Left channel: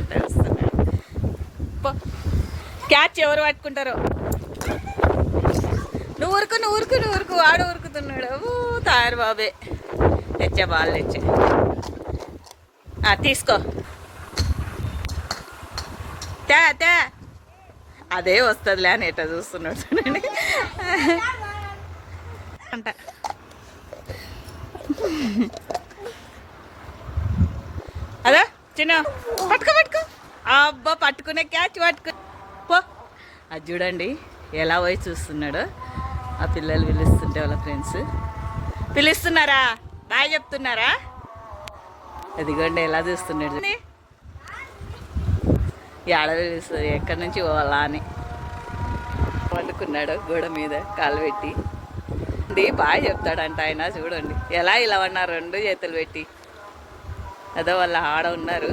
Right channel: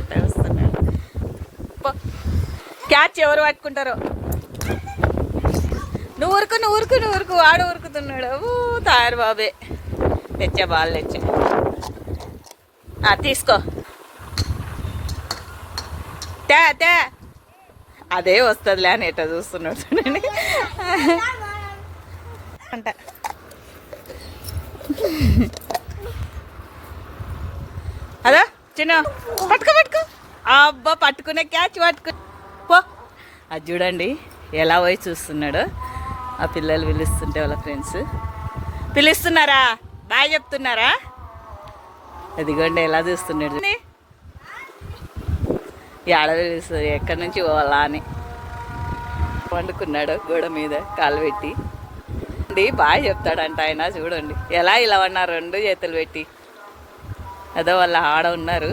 ఈత వస్తున్నాడు. క్యాచ్ ఎవరు పట్టుకుంటారో. నువ్వు ఊరుకు వాడు ఊరుకుతున్నాడు. తాయారు బాబే. తెచ్చా బాల్ తెచ్చా. తీసుకో. తే అదే వస్తుందిలే అని ఎట్లా చూస్తున్నాడు చూడండి అంట. అదా చిన్న పట్టుకో. అబ్బా పట్టుకునే క్యాచ్ పో. అది చూడండి ఎలా పోయి చూస్తున్నాడు. ఆ పిల్లలు పిలుస్తుంటే వాళ్ళ ఫ్రెండ్స్ పిలుస్తున్నారా, బాయ్ చెప్తున్నారా. అదిగోండి ఎలా చూస్తున్నాడు. ఆడ పిలుస్తుంది ఎక్కడి నుంచి పోవాలా అని. వండుకున్నాడు గోడ మీద కాలు పెట్టి. బాగా చెప్తాడంట ఆయన. చూడండి ఎలా ఇలా ఉన్నారు 2 చేతులు పెట్టి. అదో వాళ్ళ ఆడ ఉన్నారు.